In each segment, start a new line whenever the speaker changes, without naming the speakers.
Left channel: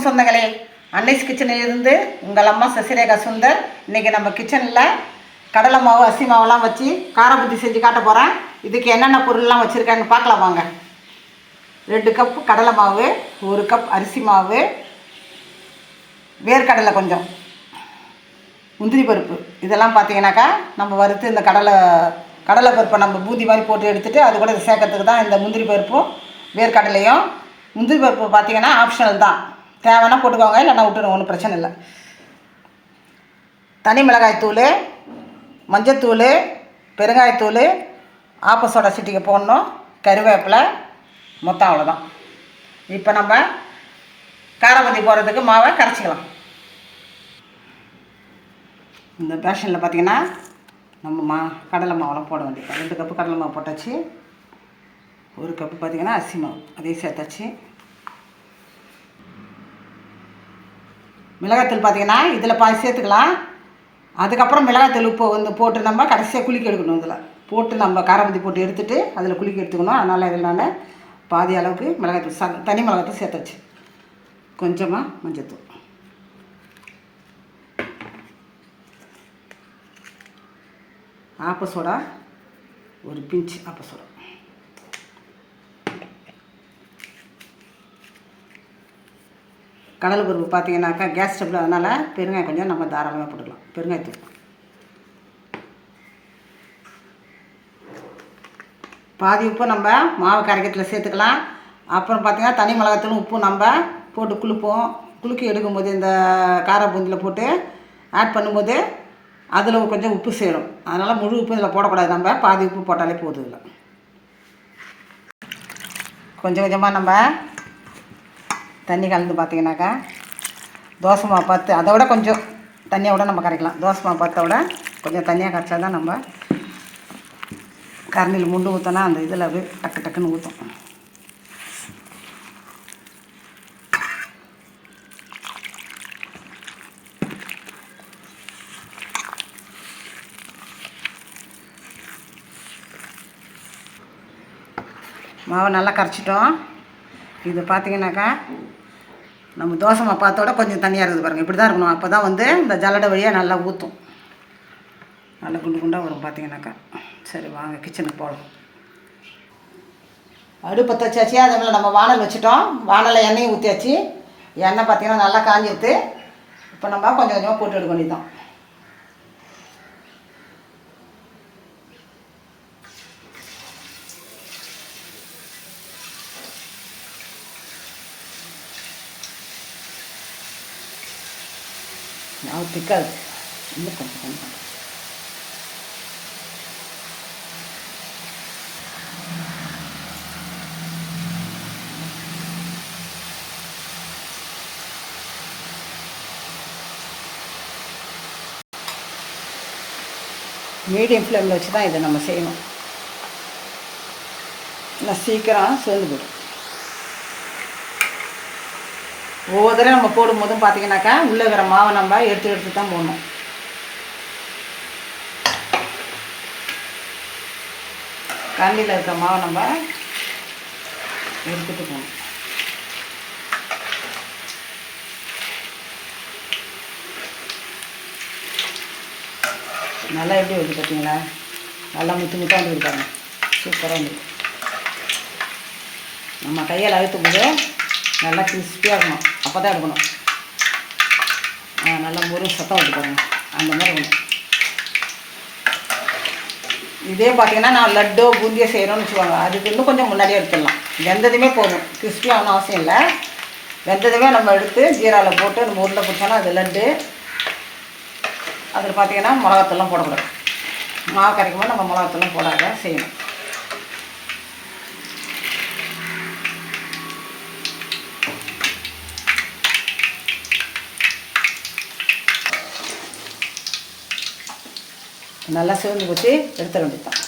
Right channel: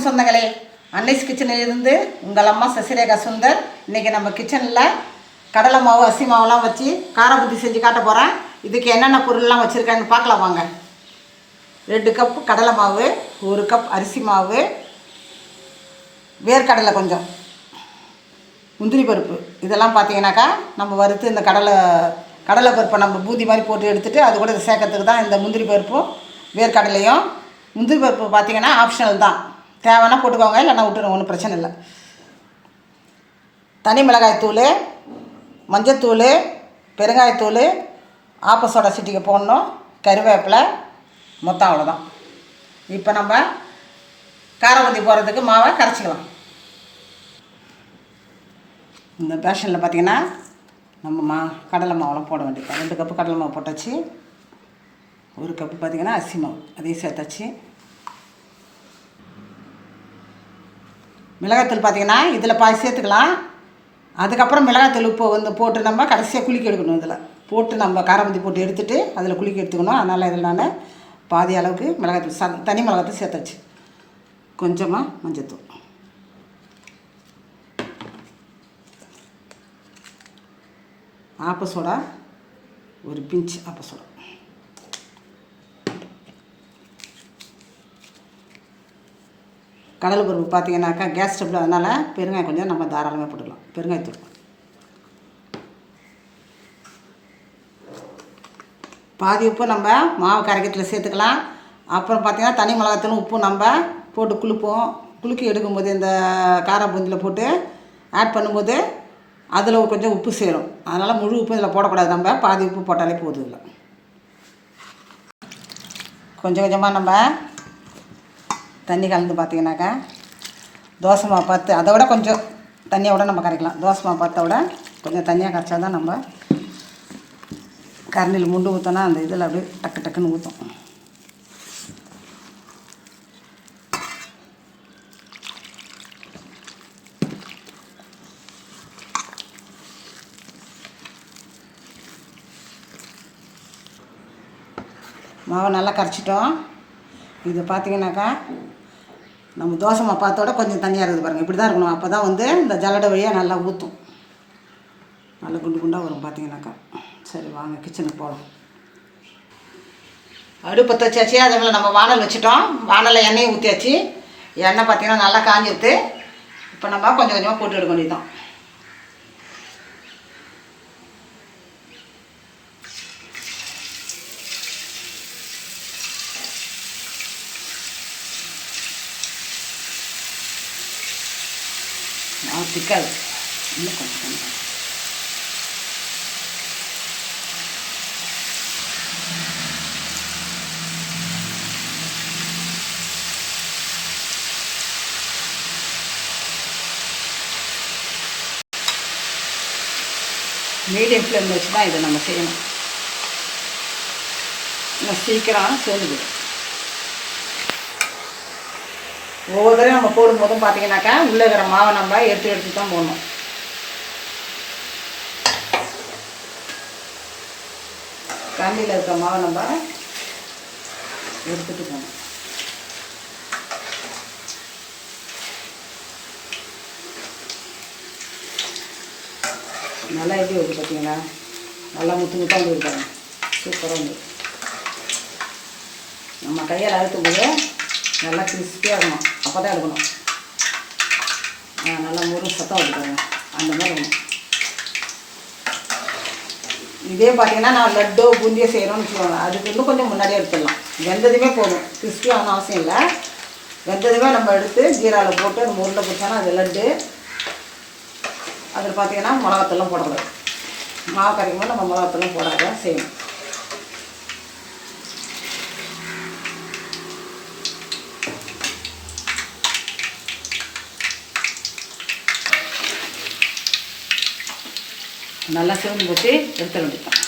வணக்கம் சொந்தங்களே அன்னைஸ் கிச்சனில் இருந்து உங்கள் அம்மா சசிரேகா சுந்தர் இன்றைக்கி நம்ம கிச்சனில் கடலை மாவு அரிசி மாவுலாம் வச்சு கார புத்தி செஞ்சு காட்ட போகிறேன் இதுக்கு என்னென்ன பொருள்லாம் வச்சுருக்கேன்னு பார்க்கலாம் வாங்க. ரெண்டு கப் கடலை மாவு ஒரு கப் அரிசி மாவு வேர்க்கடலை கொஞ்சம் முந்திரி பருப்பு. இதெல்லாம் பார்த்தீங்கன்னாக்கா நம்ம வறுத்து இந்த கடலை கடலை பருப்பை நம்ம பூந்தி மாதிரி போட்டு எடுத்துகிட்டு அது கூட சேர்க்கறதுக்கு தான் இந்த முந்திரி பருப்பும் வேர்க்கடலையும். முந்திரி பருப்பு பார்த்தீங்கன்னா ஆப்ஷனல் தான். தேவைன்னா போட்டுக்கோங்க இல்லைன்னா விட்டுருங்க ஒன்றும் பிரச்சனை இல்லை. தனி மிளகாய் தூள் மஞ்சத்தூள் பெருங்காயத்தூள் ஆப்பசோட சிட்டிக்கு போடணும் கருவேப்பிலை மொத்தம் அவ்வளோதான் இப்போ நம்ம காரபந்தி போடுறதுக்கு மாவை கரைச்சிக்கலாம். இந்த பேஷனில் பார்த்திங்கன்னா நம்ம மா கடலை மாவெல்லாம் போட வேண்டியது. ரெண்டு கப்பு கடலை மாவு போட்டாச்சு. ஒரு கப்பு பார்த்தீங்கன்னா அரிசி மாவு அதையும் சேர்த்தாச்சு. மிளகாத்தூள் பார்த்தீங்கன்னா இதில் பாய் சேர்த்துக்கலாம். அதுக்கப்புறம் மிளகாத்தூள் உப்பு வந்து போட்டு நம்ம கடைசியாக குளிக்க எடுக்கணும் இதில். போட்டு நம்ம காரமந்தி போட்டு எடுத்துகிட்டு அதில் குளிக்க எடுத்துக்கணும். அதனால் இதில் நான் பாதி அளவுக்கு மிளகாத்தூள் ச தனி மிளகாத்தூள் சேர்த்தாச்சு. கொஞ்சமாக மஞ்சத்தூள். ஆப்ப சோடா ஒரு பிஞ்ச் ஆப்ப சோடா. கடலை பருப்பு பார்த்தீங்கன்னாக்கா கேஸ் ஸ்டவ்வில் அதனால் பெருங்காயம் கொஞ்சம் நம்ம தாராளமாக போட்டுக்கலாம். பெருங்காயத்தூள் பாதி உப்பு நம்ம மாவு கரைக்கத்தில் சேர்த்துக்கலாம். அப்புறம் பார்த்திங்கன்னா தனி மிளகாத்தூளும் உப்பும் நம்ம போட்டு குளிப்போம். குலுக்கி எடுக்கும்போது இந்த கார பூந்தியில் போட்டு ஆட் பண்ணும்போது அதில் கொஞ்சம் உப்பு சேரும். அதனால் முழு உப்பு இதில் போடக்கூடாது. நம்ம பாதி உப்பு போட்டாலே போதும் இதில். கொஞ்சம் கொஞ்சமாக நம்ம தண்ணி கலந்து பார்த்தீங்கன்னாக்கா தோசை மாவு பார்த்து அதை விட கொஞ்சம் தண்ணியை விட நம்ம கரைக்கலாம். தோசை மாவு பார்த்த விட கொஞ்சம் தண்ணியாக கரைச்சா தான் நம்ம கரண்டியில் முண்டு ஊற்றோன்னா அந்த இதில் அப்படியே டக்கு டக்குன்னு ஊற்றும் மாவை நல்லா கரைச்சிட்டோம். இது பார்த்தீங்கன்னாக்கா நம்ம தோசை மப்பாத்தோட கொஞ்சம் தண்ணியாக இருக்குது பாருங்கள் இப்படி தான் இருக்கணும். அப்போ தான் வந்து இந்த ஜல்லடை வழியாக நல்லா ஊற்றும் நல்லா குண்டு குண்டாக வரும் பார்த்தீங்கன்னாக்கா சரி வாங்க கிச்சனுக்கு போகலாம் அடுப்பு தச்சாச்சு அதே மாதிரி நம்ம வானல் வச்சுட்டோம். வானலில் எண்ணெயை ஊற்றியாச்சு எண்ணெய் பார்த்தீங்கன்னா நல்லா காஞ்சிடுது இப்போ நம்ம கொஞ்சம் கொஞ்சமாக போட்டு எடுக்க வேண்டியதுதான் நான் திக்காது இன்னும் கொஞ்சம் கொஞ்சம் மீடியம் ஃப்ளேமில் வச்சு தான் இதை நம்ம செய்யணும். நான் சீக்கிரம் சேர்ந்து ஒவ்வொரு தடவை நம்ம போடும்போதும் பார்த்தீங்கன்னாக்கா உள்ளே இருக்கிற மாவை நம்ம எடுத்து எடுத்து தான் போடணும். கண்டியில் இருக்கிற மாவை நம்ம எடுத்துட்டு போகணும். நல்லா எப்படி வருது பார்த்தீங்களா? நல்லா முத்து முத்தாக வந்துருக்காங்க சூப்பராக இருக்கு. நம்ம கையால் அழுத்தும் போது நல்லா கிறிஸ்பியாக இருக்கணும். அப்போ தான் இருக்கணும் நல்லா முரு சத்தம் எடுப்பாங்க அந்த மாதிரி இருக்கணும். இதே பார்த்தீங்கன்னா நான் லட்டோ பூந்தியை செய்கிறோம்னு வச்சுக்கோங்க. அதுக்கு இன்னும் கொஞ்சம் முன்னாடியே எடுத்துடலாம். வெந்ததுமே போதும். கிறிஸ்பி ஆகணும் அவசியம் இல்லை. வெந்ததுமே நம்ம எடுத்து ஜீராவில் போட்டு அந்த உருண்டை பிடிச்சோன்னா அது லட்டு. அதில் பார்த்தீங்கன்னா மிளகாத்தெல்லாம் போடக்கூடாது. மாவு கரைக்கும் போது நம்ம மிளகாத்தெல்லாம் போடாத செய்யணும். நல்லா சிவந்து ஊற்றி எடுத்துட வேண்டியதான்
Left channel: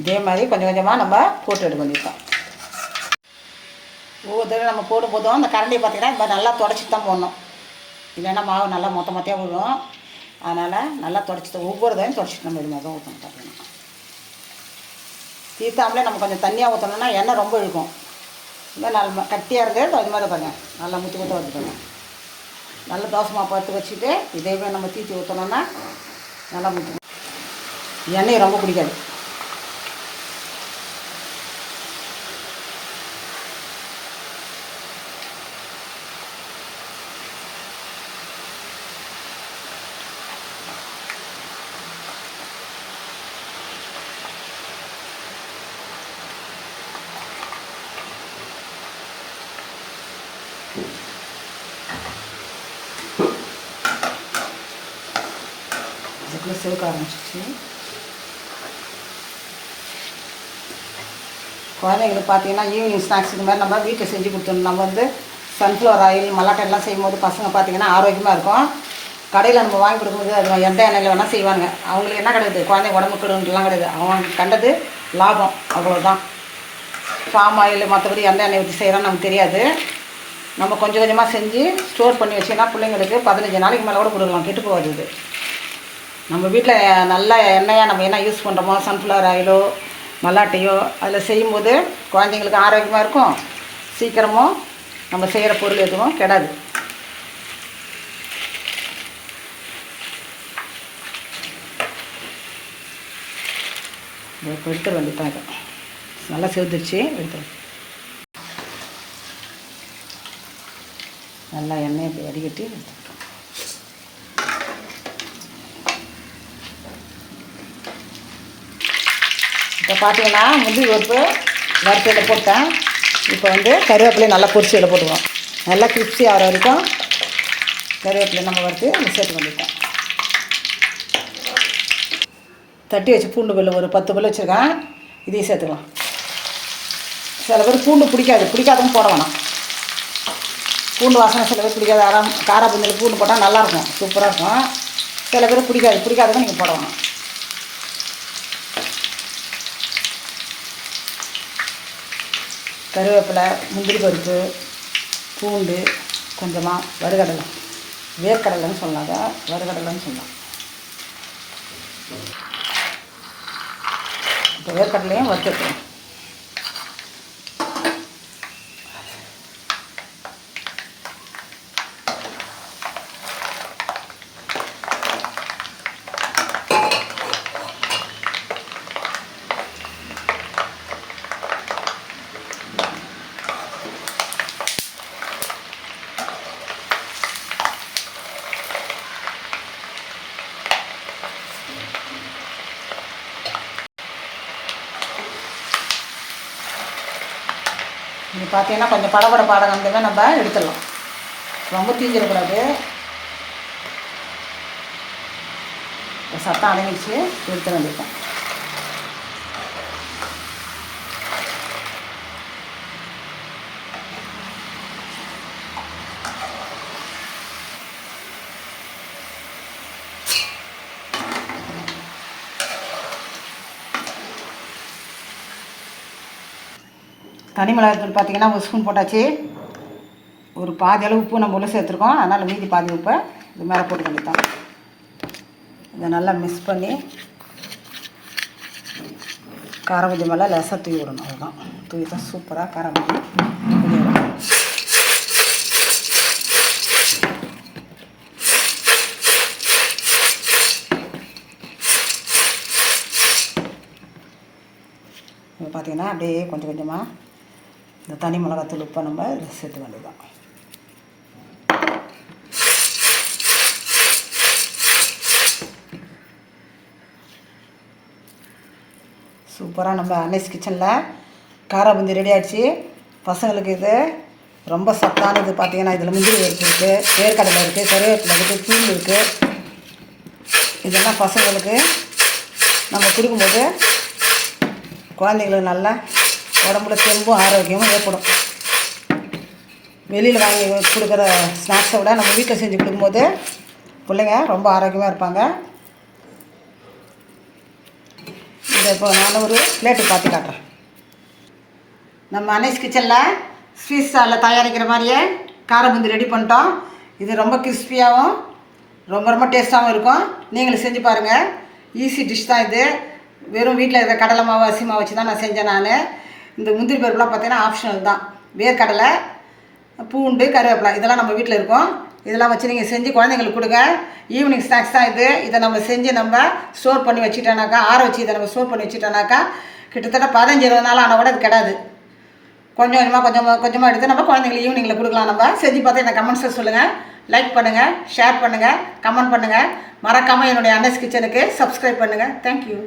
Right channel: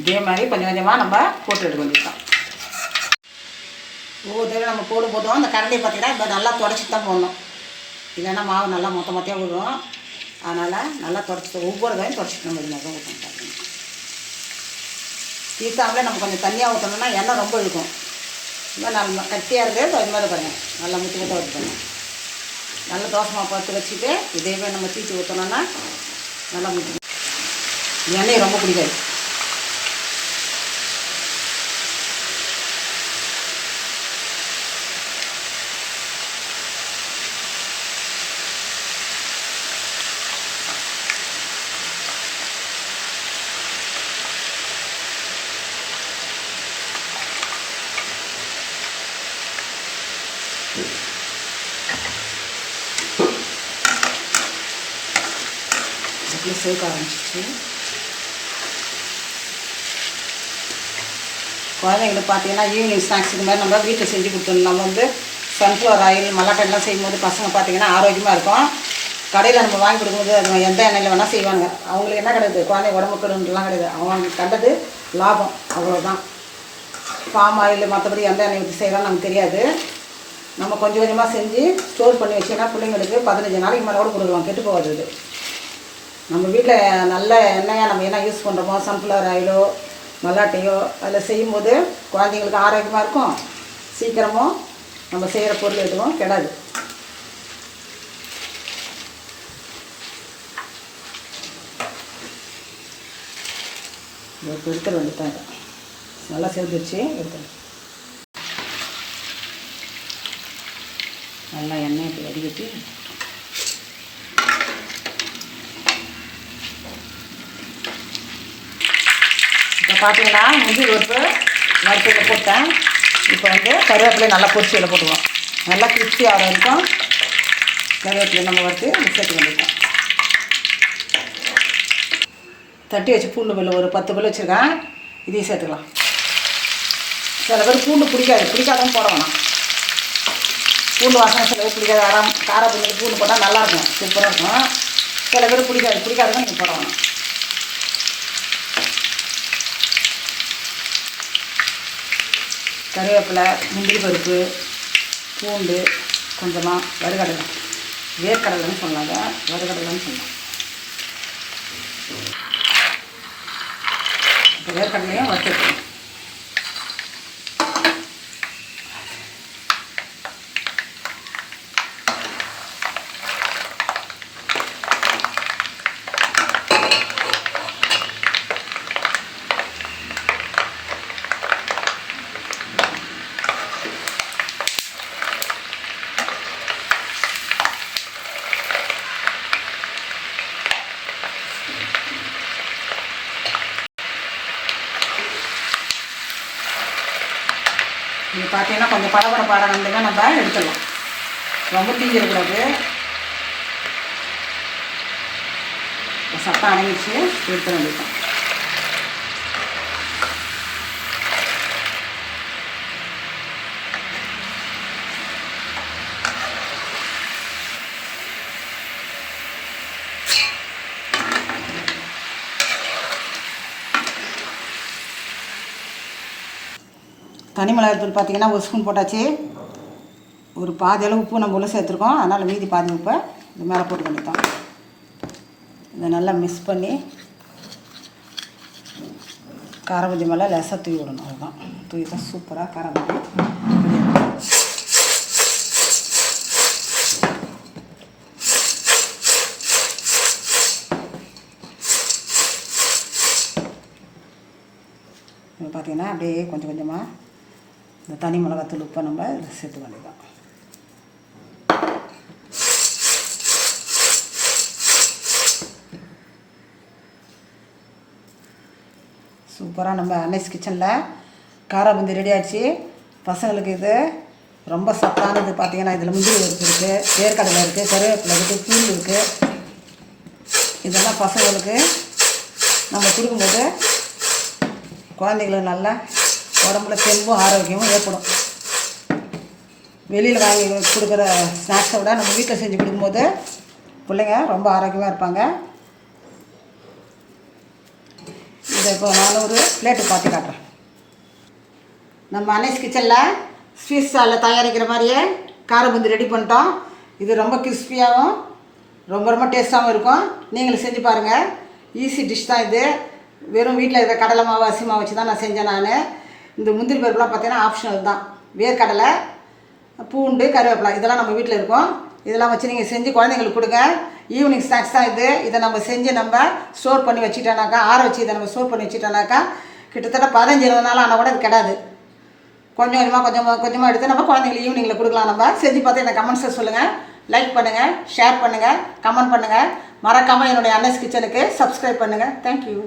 இதே மாதிரி கொஞ்சம் கொஞ்சமாக நம்ம போட்டு எடுக்க வேண்டியதான் ஒவ்வொரு தடவை நம்ம போடும்போதும் அந்த கரண்டியை பார்த்தீங்கன்னா இப்போ நல்லா தொடச்சிட்டு தான் போடணும். இல்லைன்னா மாவு நல்லா மொத்த மொத்தையாக விழும். அதனால் நல்லா தொடச்சிட்டு ஒவ்வொரு தடையும் தொடச்சிட்டு நம்ம இருந்தால் தான் ஊற்றணும் பார்த்தீங்கன்னா நம்ம கொஞ்சம் தண்ணியாக ஊற்றணும்னா எண்ணெய் ரொம்ப இழுக்கும். இன்னும் நல்லா கட்டியாக இருக்குது அது மாதிரி பாருங்க. நல்லா முத்தி முத்தி வச்சுக்கணும் நல்ல தோசமாக பார்த்து வச்சுட்டு இதேவே நம்ம தீச்சி ஊற்றணும்னா நல்லா முத்தி எண்ணெய் ரொம்ப பிடிக்காது. அப்படியே சேர்க்க ஆரம்பிச்சிச்சு குழந்தைங்களுக்கு பார்த்தீங்கன்னா ஈவினிங் ஸ்நாக்ஸ் இது மாதிரி நம்ம வீட்டில் செஞ்சு கொடுத்துடணும். நம்ம வந்து சன்ஃப்ளவர் ஆயில் மல்லாட்டெல்லாம் செய்யும்போது பசங்க பார்த்தீங்கன்னா ஆரோக்கியமாக இருக்கும். கடையில் நம்ம வாங்கி கொடுக்கும்போது அது எந்த எண்ணெயில் வேணால் செய்வாங்க அவங்களுக்கு என்ன கிடையாது? குழந்தை உடம்புக்குலாம் கிடையாது. அவங்க கண்டது லாபம். அவ்வளோதான் பாம் ஆயில் மற்றபடி எந்த எண்ணெய் ஊற்றி செய்கிறோன்னு நமக்கு தெரியாது. நம்ம கொஞ்சம் கொஞ்சமாக செஞ்சு ஸ்டோர் பண்ணி வச்சுன்னா பிள்ளைங்களுக்கு பதினஞ்சு நாளைக்கு மேலே கூட கொடுக்கலாம். கெட்டு போகாது நம்ம வீட்டில் நல்ல எண்ணெயாக நம்ம என்ன யூஸ் பண்ணுறோமோ சன்ஃப்ளவர் ஆயிலோ மல்லாட்டையோ அதில் செய்யும்போது குழந்தைங்களுக்கு ஆரோக்கியமாக இருக்கும். சீக்கிரமும் நம்ம செய்கிற பொருள் எதுவும் கிடாது. இதை வந்து எடுத்து வந்துட்டாங்க நல்லா சேர்த்துச்சு எடுத்து நல்லா எண்ணெயை இப்படி வடிகட்டி பார்த்தீங்கன்னா முந்தி பருப்பு வறுத்தையில் போட்டேன். இப்போ வந்து கருவேப்பிலையை நல்லா பொரிச்சியில் போட்டுவோம் நல்லா கிறிஸ்பி ஆகிற வரைக்கும் கருவேப்பிலை நம்ம வறுத்து நம்ம சேர்த்து வந்துட்டோம் தட்டி வச்சு பூண்டு பல்லு ஒரு பத்து பல்லு வச்சுருக்கேன். இதையும் சேர்த்துக்கலாம். சில பேர் பூண்டு பிடிக்காது. பிடிக்காதவங்க போட பூண்டு வாசனை சில பேர் பிடிக்காது. அறம் காரா பூண்டு பூண்டு போட்டால் நல்லாயிருக்கும் சூப்பராக இருக்கும். சில பேர் பிடிக்காது. பிடிக்காதவங்க நீங்கள் போடணும் கருவேப்பிலை முந்திரி பருப்பு பூண்டு கொஞ்சமாக வறுகடலை. வேர்க்கடலைன்னு சொல்லாத வறுகடலைன்னு சொன்னோம் இப்போ வேர்க்கடலையும் வச்சுருக்கோம் பார்த்தீங்கன்னா கொஞ்சம் பலவர பாடம் வந்தவே நம்ம எடுத்துடலாம். ரொம்ப தீஞ்சிடக்கூடாது. சத்தம் அடங்கிச்சு எடுத்த வேண்டியதான் தனி மிளகாத்தூள் பார்த்தீங்கன்னா ஒரு ஸ்பூன் போட்டாச்சு. ஒரு பாதி அளவு உப்பு நம்ம உள்ள சேர்த்துருக்கோம். அதனால் மீதி பாதி உப்பை இது மேலே போட்டு பண்ணித்தான் இதை நல்லா மிக்ஸ் பண்ணி காரபூஜி மேலே லேசாக தூவி விடணும். அதுதான் தூவி தான் சூப்பராக காரபூஜி இப்போ பார்த்தீங்கன்னா அப்படியே கொஞ்சம் கொஞ்சமாக இந்த தனி மிளகாத்தூள் உப்பை நம்ம இதில் சேர்த்து வேண்டியதான் சூப்பராக நம்ம அன்னைஸ் கிச்சனில் காரா பூந்தி ரெடி ஆயிடுச்சு. பசங்களுக்கு இது ரொம்ப சத்தானது பார்த்தீங்கன்னா இதில் முந்திரி இருக்குது வேர்க்கடலை இருக்குது கருவேப்பிலை இருக்குது தூள் இருக்குது இதெல்லாம் பசங்களுக்கு நம்ம கொடுக்கும்போது குழந்தைங்களுக்கு நல்லா உடம்புல தெம்பும் ஆரோக்கியமும் ஏற்படும். வெளியில் வாங்கி கொடுக்குற ஸ்நாக்ஸை விட நம்ம வீட்டில் செஞ்சு கொடுக்கும்போது பிள்ளைங்க ரொம்ப ஆரோக்கியமாக இருப்பாங்க. இதை இப்போ நான் ஒரு பிளேட்டு பார்த்து காட்டுறேன். நம்ம அனைஸ் கிச்சனில் ஸ்வீட் சாலில் தயாரிக்கிற மாதிரியே காரபுந்தி ரெடி பண்ணிட்டோம். இது ரொம்ப கிறிஸ்பியாகவும் ரொம்ப ரொம்ப டேஸ்ட்டாகவும் இருக்கும். நீங்களும் செஞ்சு பாருங்கள் ஈஸி டிஷ் தான் இது. வெறும் வீட்டில் இருக்கிற கடலை மாவு அரிசி மாவு வச்சு தான் நான் செஞ்சேன் நான். இந்த முந்திரி பருப்புலாம் பார்த்தீங்கன்னா ஆப்ஷனல் தான். வேர்க்கடலை பூண்டு கருவேப்பிலை இதெல்லாம் நம்ம வீட்டில் இருக்கும். இதெல்லாம் வச்சு நீங்கள் செஞ்சு குழந்தைங்களுக்கு கொடுங்க. ஈவினிங் ஸ்நாக்ஸ் தான் இது. இதை நம்ம செஞ்சு நம்ம ஸ்டோர் பண்ணி வச்சுட்டோனாக்கா ஆற வச்சு இதை நம்ம ஸ்டோர் பண்ணி வச்சுட்டோனாக்கா கிட்டத்தட்ட பதினஞ்சு இருபது நாள் ஆனால் கூட அது கிடாது. கொஞ்சம் கொஞ்சமாக கொஞ்சமாக கொஞ்சமாக எடுத்து நம்ம குழந்தைங்களுக்கு ஈவினிங்கில் கொடுக்கலாம். நம்ம செஞ்சு பார்த்து எனக்கு கமெண்ட்ஸை சொல்லுங்கள் லைக் பண்ணுங்கள் ஷேர் பண்ணுங்கள் கமெண்ட் பண்ணுங்கள் மறக்காமல் என்னுடைய அன்னஸ் கிச்சனுக்கு சப்ஸ்கிரைப் பண்ணுங்கள் தேங்க்யூ